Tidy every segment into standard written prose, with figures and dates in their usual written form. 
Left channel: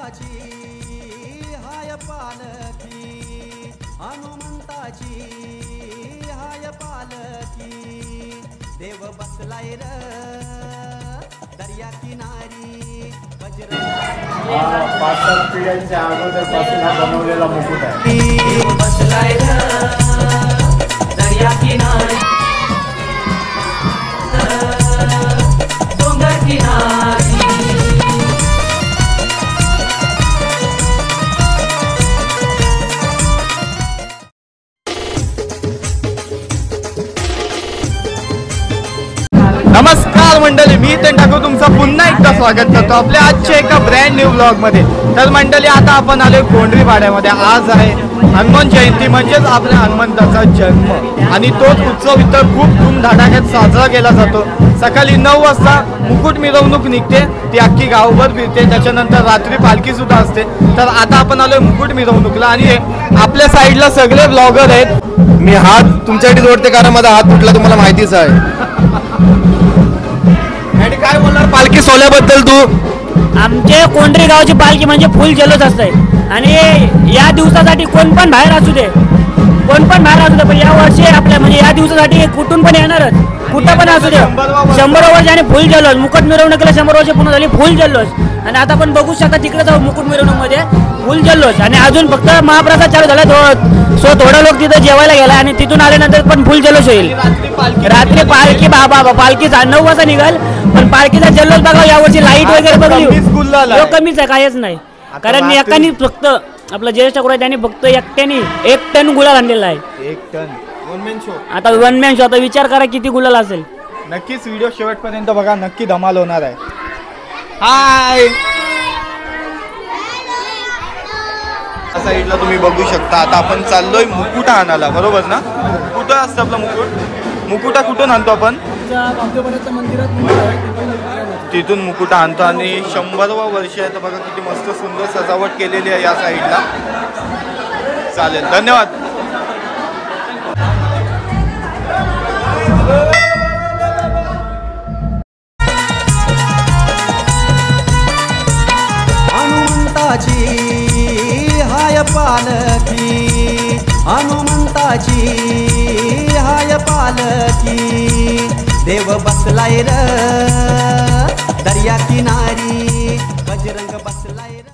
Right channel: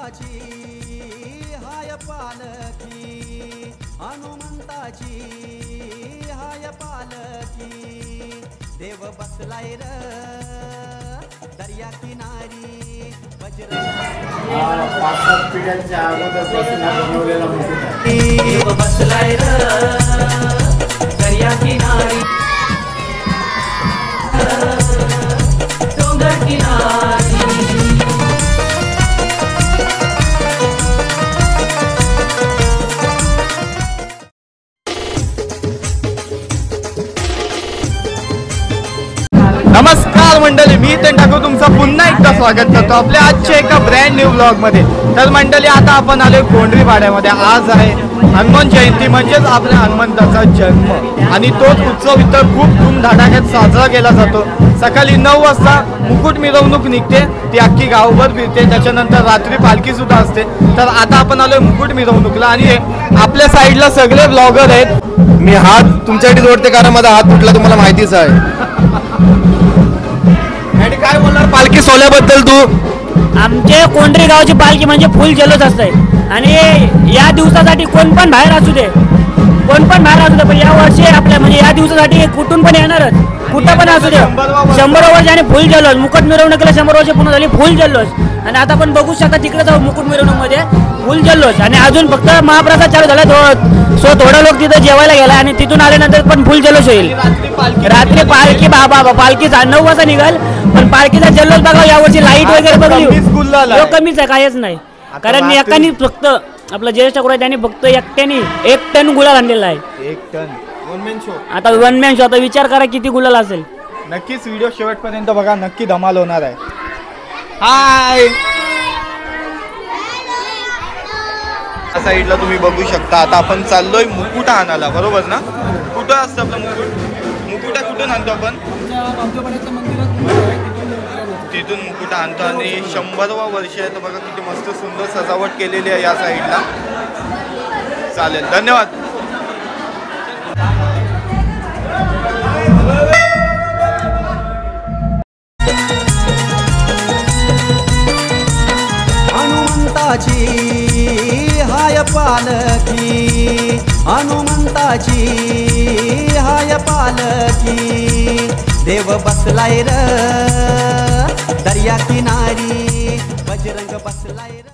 हनुमंताची हाय पालखी, हनुमंताची हाय पालखी, देव बसलाय र दर्या किनारी, बजरंग बसलाय 5-7 पिढ्यांच्या अगोदरपासून हा बनवलेला मुकुट आहे। देव बसलाय र दर्या किनारी, डोंगर किनारी। नमस्कार मंडळी, मी ते ठाकूर तुमचं पुन्हा एकदा स्वागत करतो आपल्या आजच्या एका ब्रँड न्यू ब्लॉग मध्ये। तर मंडळी आता आपण आलोय कोंढरी पाड्यामध्ये। आज आहे हनुमान जयंती, म्हणजेच आपल्या हनुमंताचा जन्म, आणि तोच उत्सव इथं खूप धूमधडाक्यात साजरा केला जातो। सकाळी 9 वाजता मुकुट मिरवणूक निघते, ती अख्खी गावभर फिरते, त्याच्यानंतर रात्री पालखी सुद्धा असते। तर आता आपण आलोय मुकुट मिरवणूकला, आणि आपल्या साईडला सगळे ब्लॉगर आहेत। मी हात तुमच्यासाठी जोडते कारण माझा हात तुटला, तुम्हाला माहितीच आहे। आणि काय बोलणार पालखी सोहळ्याबद्दल तू? आमचे कोंढरी गावची पालखी म्हणजे फुल जल्लोष असते, आणि या दिवसासाठी कोण पण बाहेर असू दे, पण या वर्षी आपल्या म्हणजे या दिवसासाठी कुठून पण येणारच, कुठं पण असू दे। 100 वर्ष आणि फुल जल्लोष, मुकुट मिरवणुकीला 100 वर्ष पूर्ण झाली, फुल जल्लोष। आणि आता आपण बघू शकता तिकडे जाऊ मुकुट मिरवणुकीमध्ये फुल जल्लोष, आणि अजून फक्त महाप्रसाद चालू झाला, सो थोडं लोक तिथं जेवायला गेला, आणि तिथून आल्यानंतर पण फुल जल्लोष होईल। रात्री पालखी पालखी 9 वाजता निघाल, पण पालखीचा जल्लोष बघा यावर्षी लाईट वगैरे बघली कमीच आहे, काहीच नाही। कारण एकानी फक्त आपलं ज्येष्ठ ठाकूर त्यांनी फक्त एकट्याने 1 टन गुलाल आणलेला आहे। 1 टन वन मॅन शो। आता वन मॅन शो, आता विचार करा किती गुलाल असेल। नक्कीच व्हिडिओ शेवटपर्यंत बघा, नक्की धमाल होणार आहे। हाय, या साईडला तुम्ही बघू शकता। आता आपण चाललोय मुकुटा आणायला, बरोबर ना? कुठं असतं आपला मुकुटा कुठून आणतो आपण? तिथून मुकुटा आणतो, आणि 100वा वर्ष आहे। तर बघा किती मस्त सुंदर सजावट केलेली आहे या साईडला। चालेल, धन्यवाद। हनुमंताची हाय पालखी, हनुमंताची हाय पालखी, देव बसलाय र दर्या किनारी, बजरंग बसलाय र।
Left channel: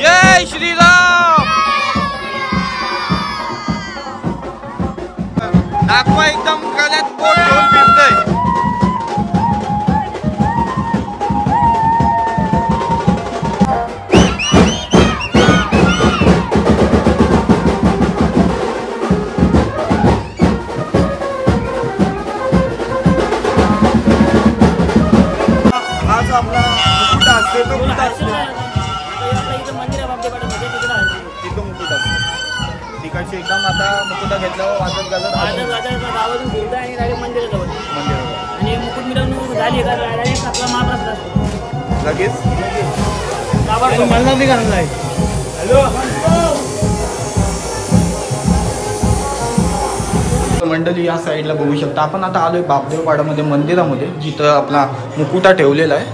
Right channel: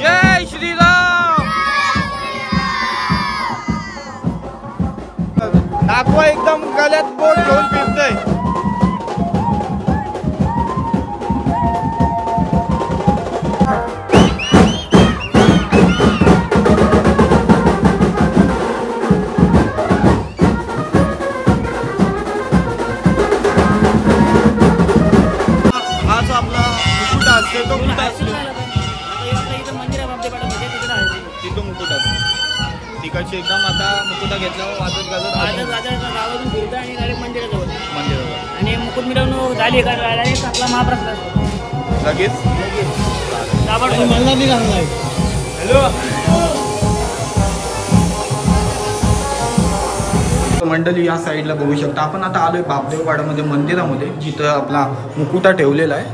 जय श्रीराम। दाखवा एकदम गळ्यात बोट घेऊन फिरतय। हा जो आपला मुकुटा असतो तो कुठं असतो? तिथं मुकुट असतो तिकडची एकदम। आता मुकुटा घेतल्यावर वाजत गावातून फिरतो आणि डायरेक्ट मंदिराजवळ, मंदिरावर आणि मुकुट मिरवणूक झाली का डायरेक्ट आपला महाप्रसाद असतो लगेच। मंडळी या साईडला बघू शकता आपण। आता आलोय बापदेवपाड्यामध्ये मंदिरामध्ये, जिथं आपला मुकुटा ठेवलेला आहे,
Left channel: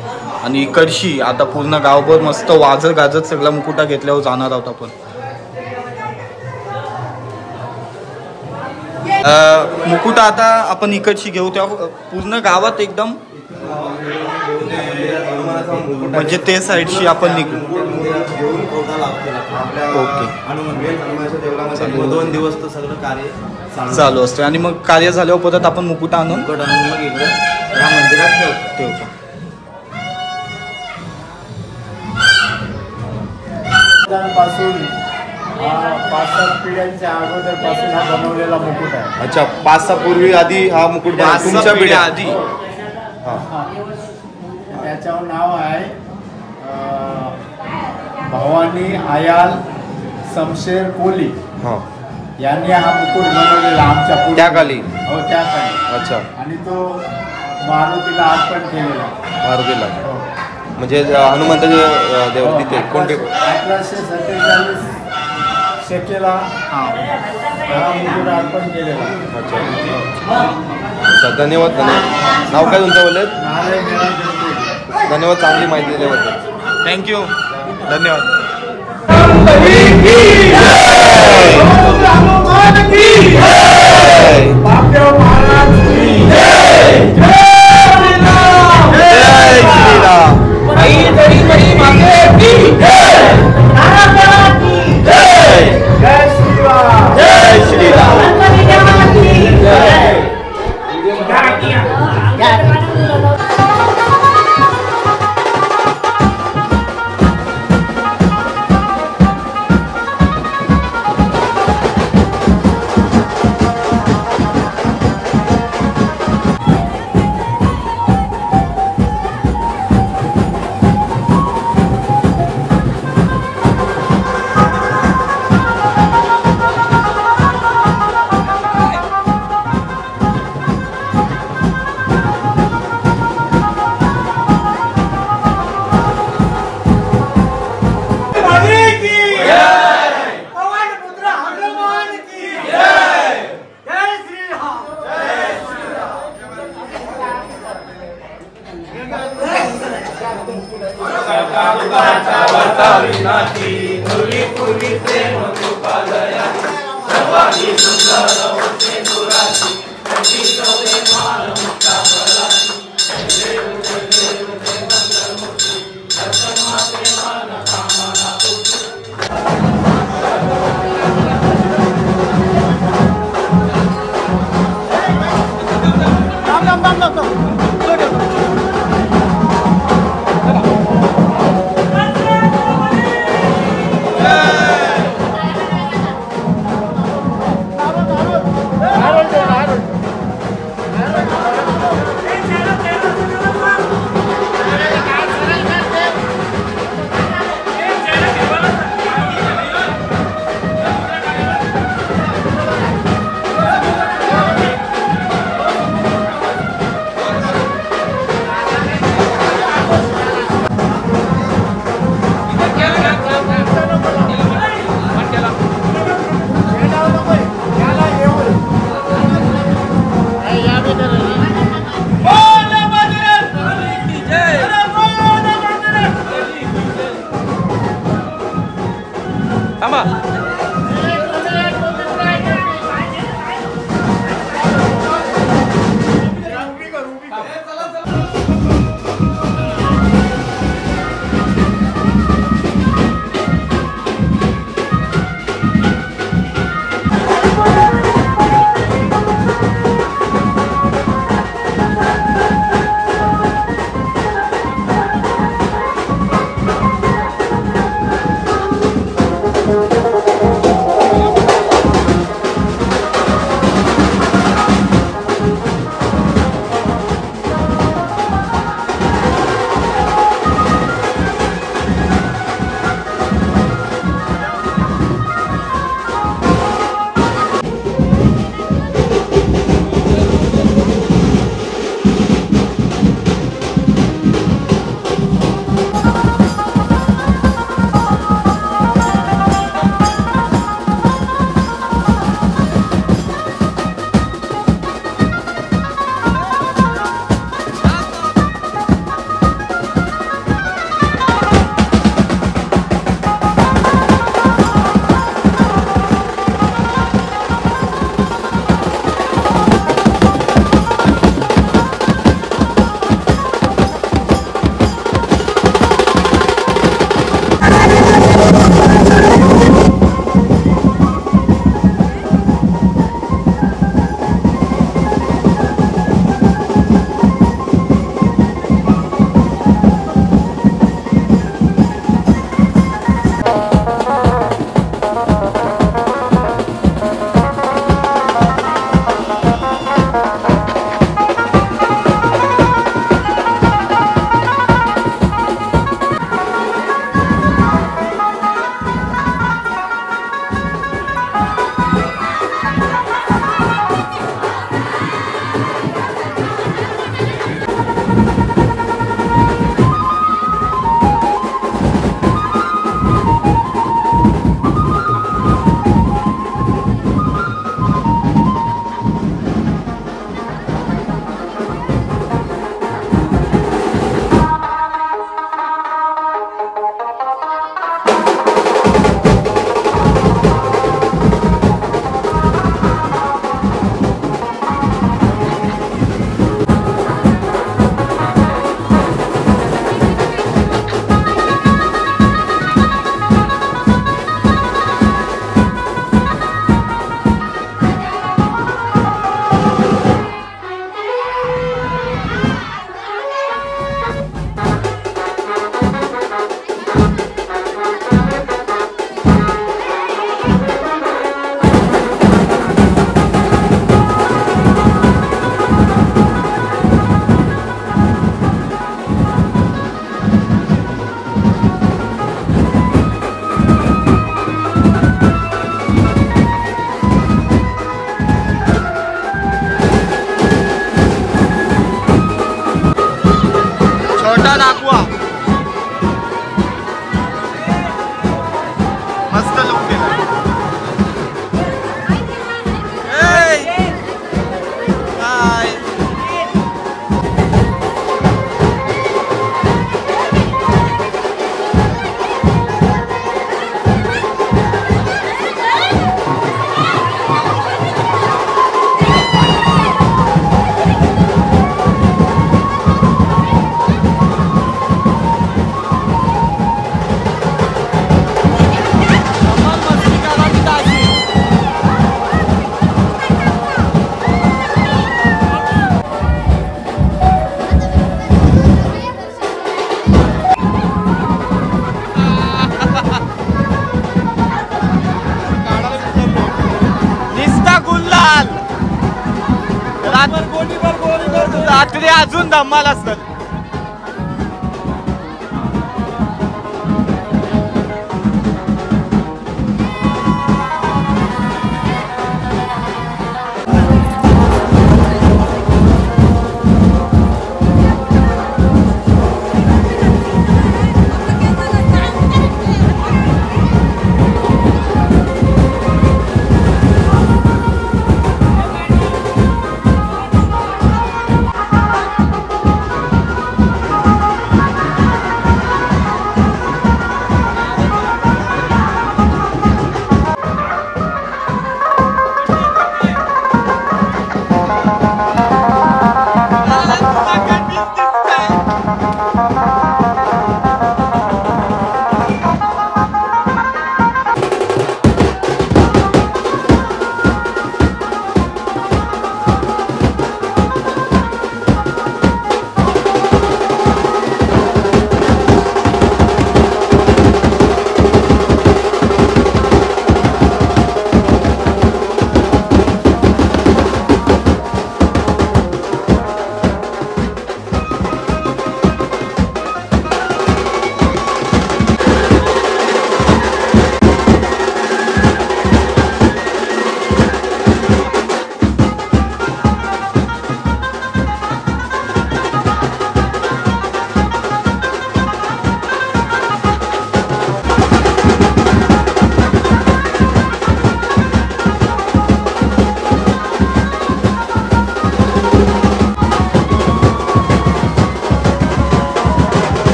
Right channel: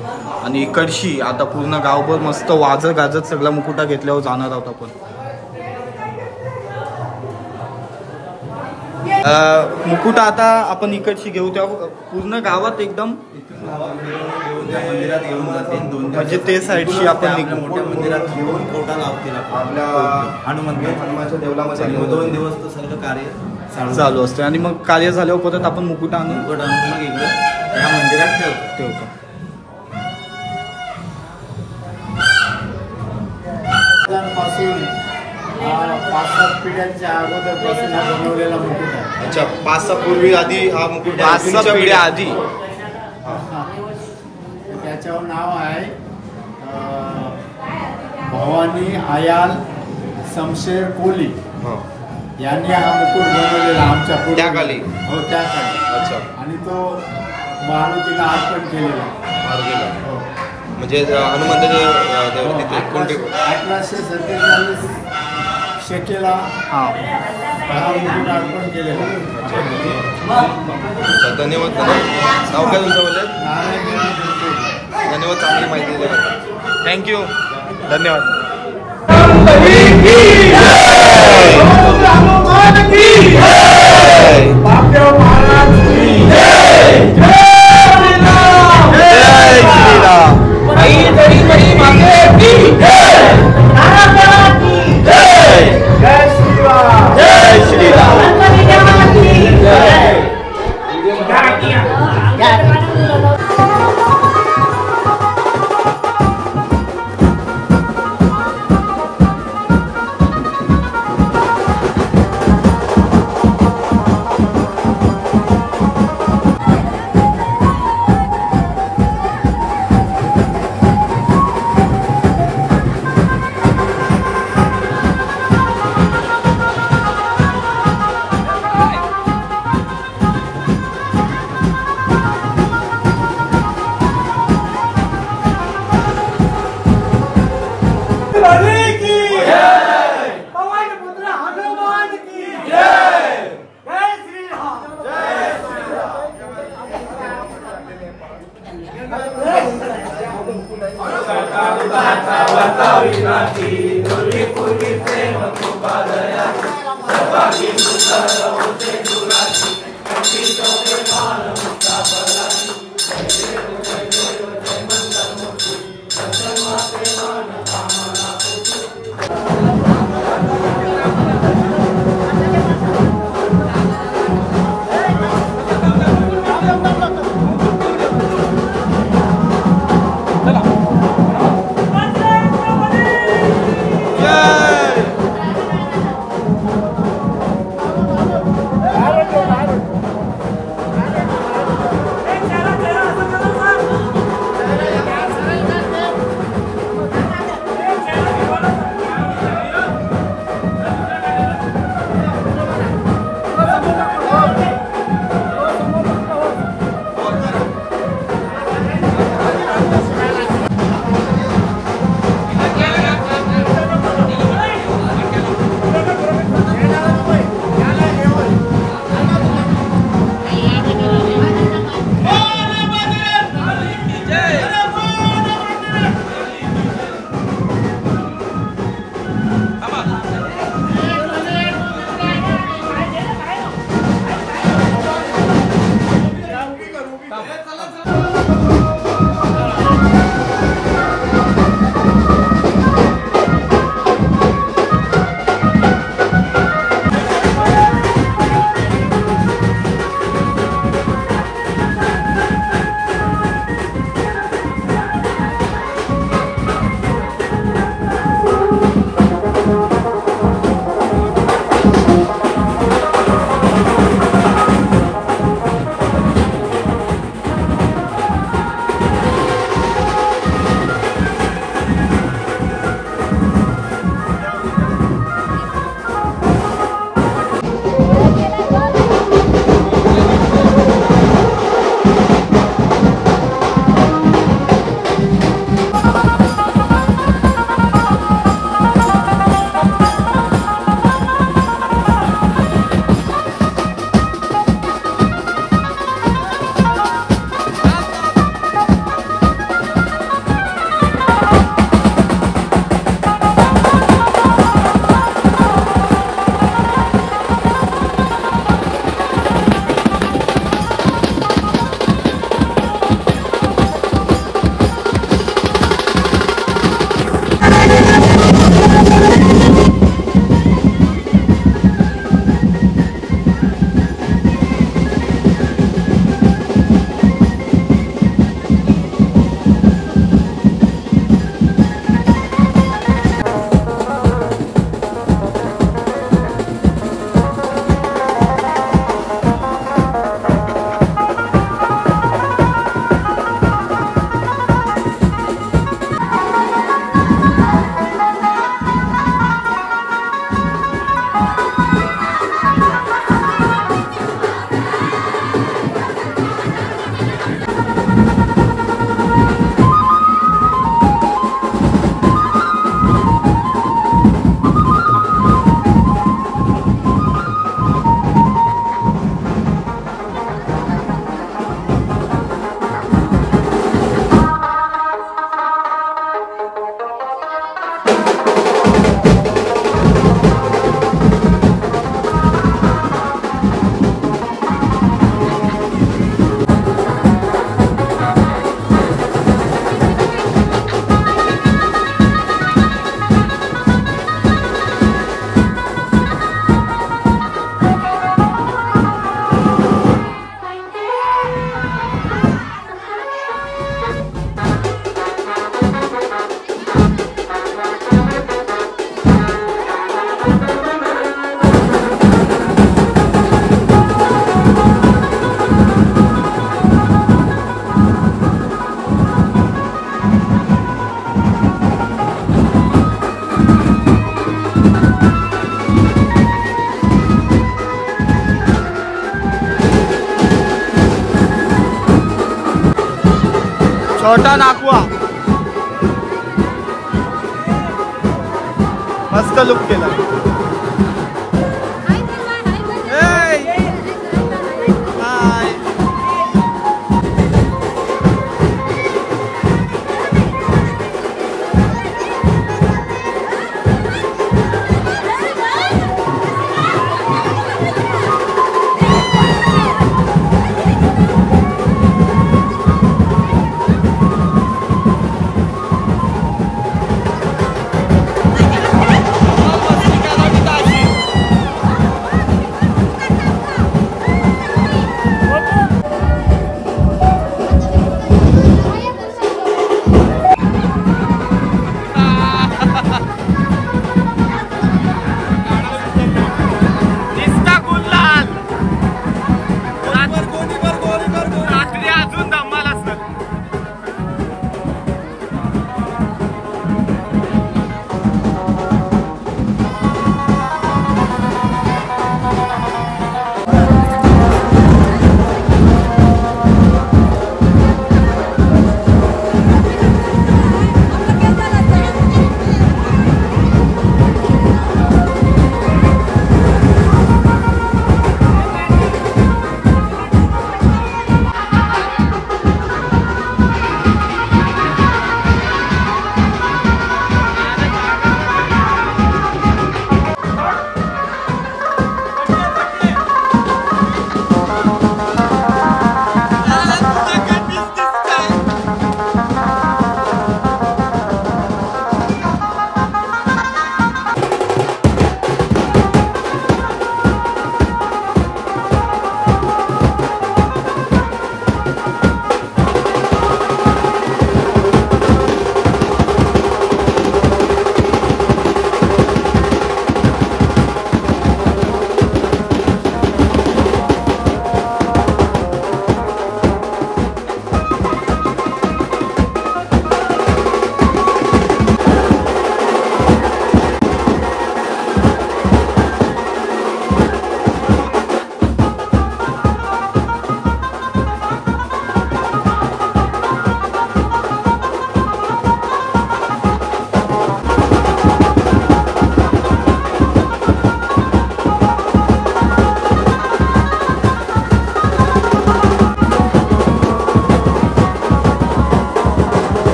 आणि इकडची आता पूर्ण गावभर मस्त वाजत गाजत सगळा मुकुटा घेतल्यावर जाणार आहोत आपण। मुकुटा आता आपण इकडची घेऊ, तेव्हा पूर्ण गावात एकदम म्हणजे ते साईडशी आपण निघू। आणि 2 दिवस तो सगळं कार्य चालू असते, आणि मग कार्य झाल्यावर परत आपण मुकुटा आणून या मंदिरात ठेवतो। पासून 5-7 पिढ्यांच्या अगोदरपासून हा बनवलेला मुकुट आहे। अच्छा, 5-6 पूर्वी आधी हा मुकुट 5-6 पिढ्या आधी। त्याच्यावर नाव आहे भवानी आयाल शमशेर कोली। यांनी हा मुकुट बनवलेला आमच्या पुढे. त्या काली? हो त्या काली. अच्छा. आणि तो मारुतीला अर्पण केलेला. मारुतीला. हो. म्हणजे हनुमंताचे देव तिथे कोणते? 1847 शकेला हा हा मुकुट अर्पण केलेला. अच्छा, धन्यवाद. नाव काय तुमचं बोलले? नारायण निळाजंत्री. धन्यवाद, चांगली माहिती दिल्याबद्दल. थँक्यू, धन्यवाद. छोटा नाकवा मस्त लुक केलाय. हाय रात्री अजून धम्माल असतात.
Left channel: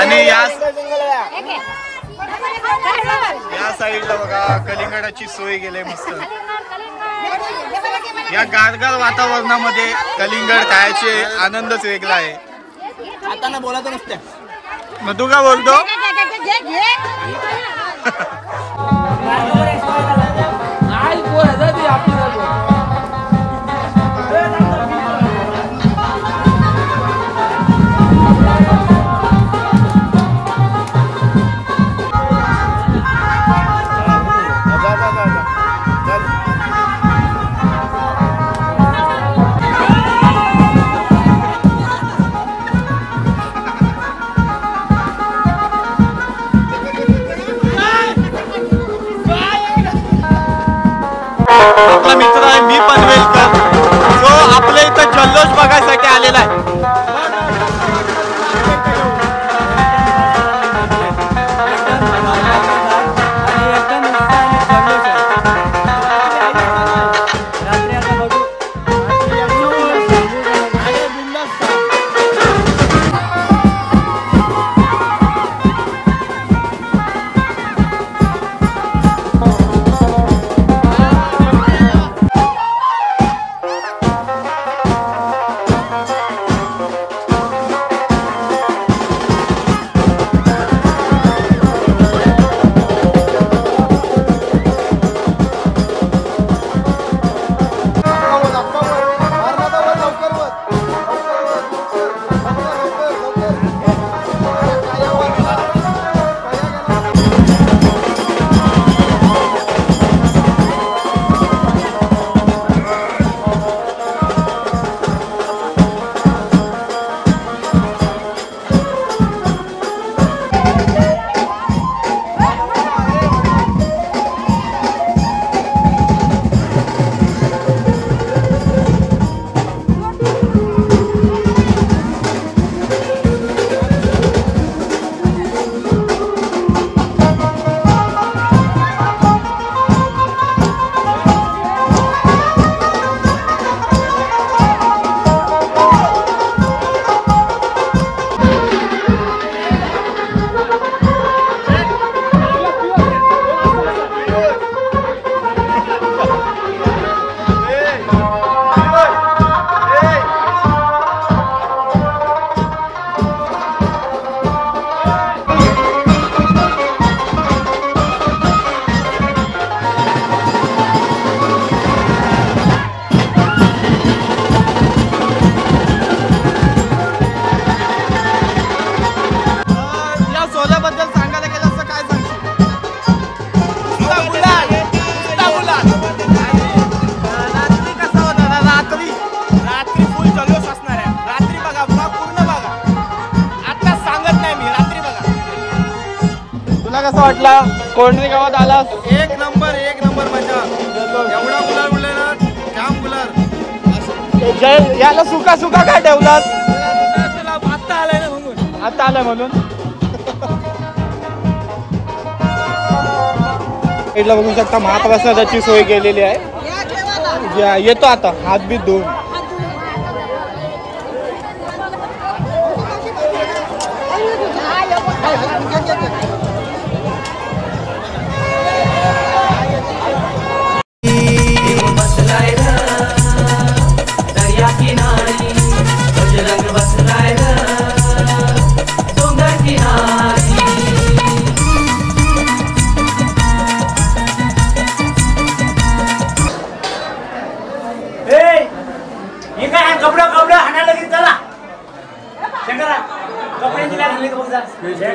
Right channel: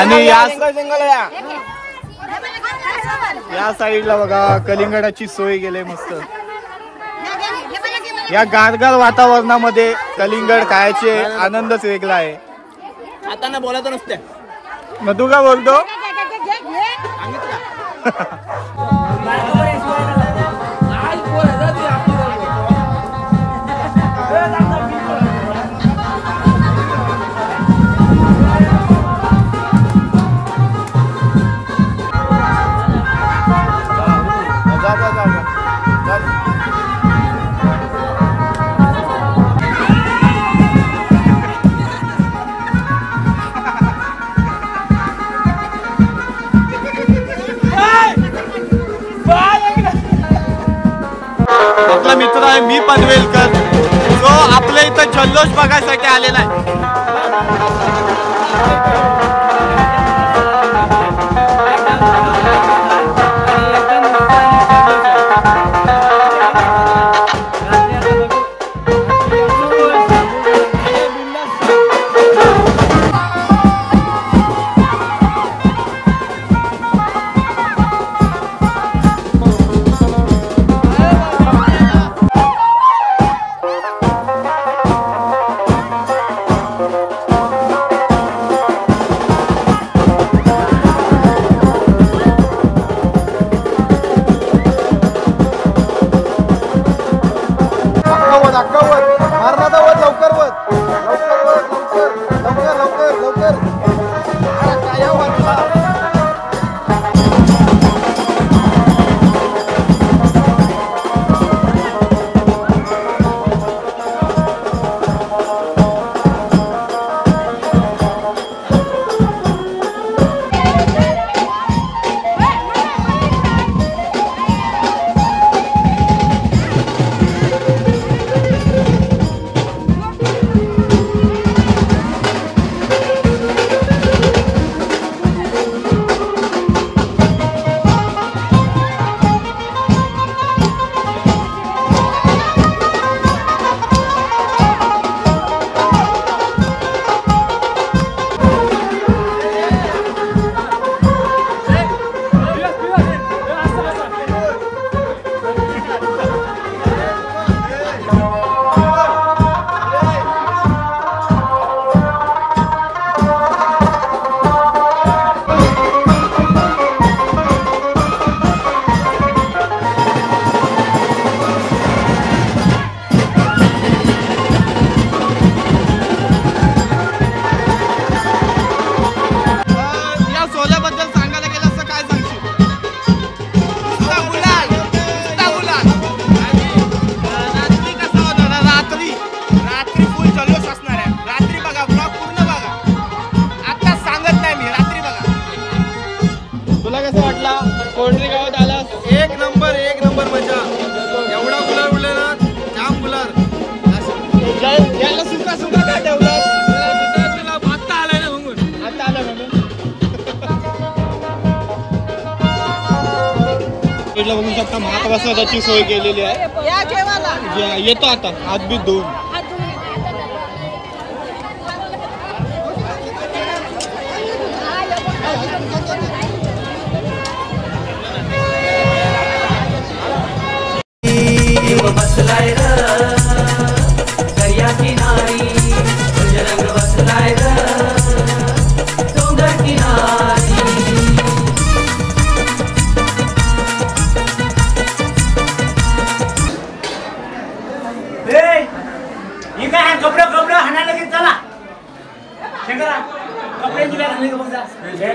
आणि या साईडला बघा कलिंगडाची सोय केली मस्त. या गारगार वातावरणामध्ये कलिंगड खायचे आनंदच वेगळा आहे. आता ना बोलायचं नसते. मग तू का बोलतो? आपला मित्र आहे मी पनवेलकर, जो आपल्या इथं जल्लोष बघायसाठी आलेला आहे. जल्लोष असणार आहे. रात्री बघा, ब्लॉग पूर्ण बघा. आता सांगत नाही मी, रात्री बघा. तुला कसं वाटलं कोंढरी गावात आलास? एक नंबर मजा. एवढा गुलाल उडले ना, जाम गुलाल. याला सुका सुका का ठेवलास? आता आलाय ना म्हणून. आता आलं म्हणून. इथला बघू शकता महाप्रसादाची सोय केलेली आहे. येतो आता हात बीत धुवून.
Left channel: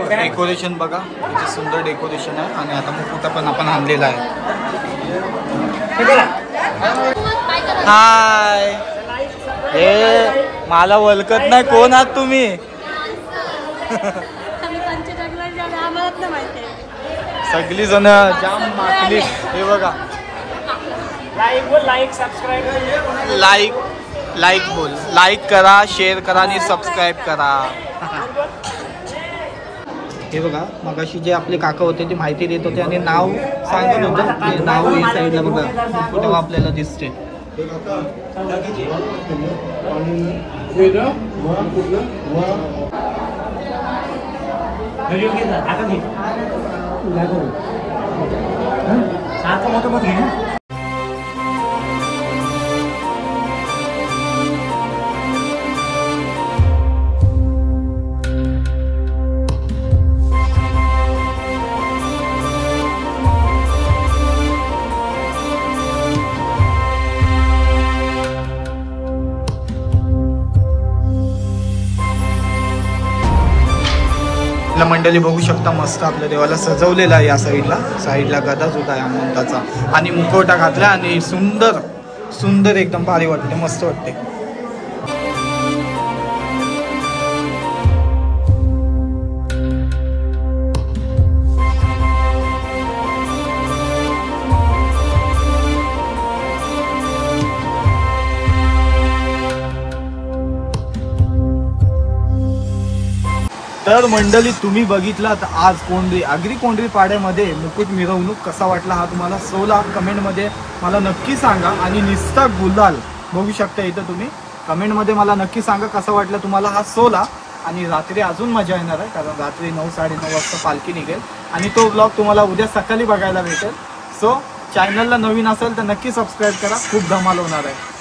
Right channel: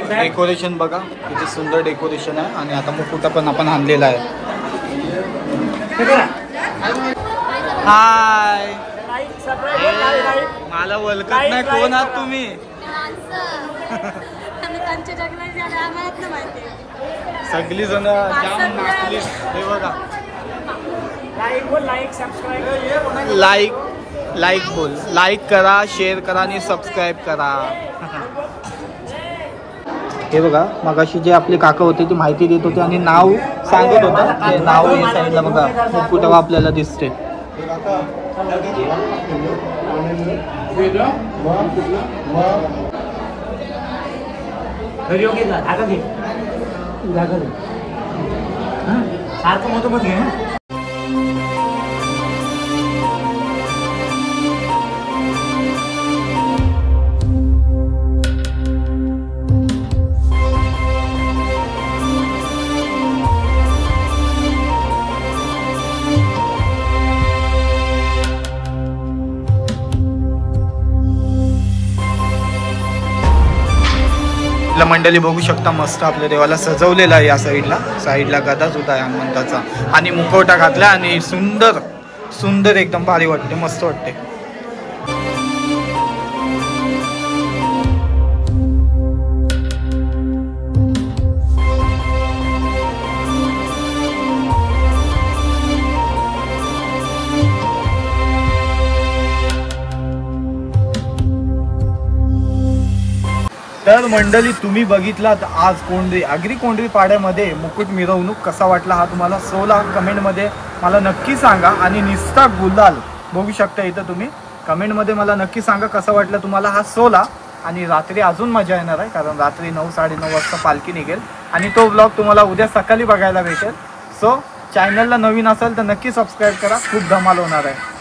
डेकोरेशन बघा किती सुंदर डेकोरेशन आहे. आणि आता मुकुटा पण आपण आणलेला आहे. हाय, हे मला ओळखत नाही. कोण आहात तुम्ही? सगळी जण जाम नाचली. हे बघा, लाईक बोल, लाईक करा, शेअर करा आणि सबस्क्राईब करा. हे बघा, मगाशी जे आपले काका होते ती माहिती देत होते आणि नाव सांगत होते. नाव या साईडला बघा कुठे आपल्याला दिसते. मंडळी बघू शकता मस्त आपल्या देवाला सजवलेला आहे. या साईडला गदा सुद्धा आहे हनुमंताचा आणि मुखवटा घातला आणि सुंदर सुंदर एकदम भारी वाटते, मस्त वाटते. तर मंडळी तुम्ही बघितलात आज आगरी कोंढरी पाड्यामध्ये मुकुट मिरवणूक. कसा वाटला हा तुम्हाला? सोला कमेंटमध्ये मला नक्की सांगा. आणि निस्ता गुलाल बघू शकता इथं तुम्ही. कमेंटमध्ये मला नक्की सांगा कसा वाटला तुम्हाला हा सोला. आणि रात्री अजून मजा येणार आहे कारण रात्री 9-9:30 वाजता पालखी निघेल आणि तो ब्लॉग तुम्हाला उद्या सकाळी बघायला भेटेल. सो चॅनलला नवीन असेल तर नक्की सबस्क्राईब करा, खूप धमाल होणार आहे.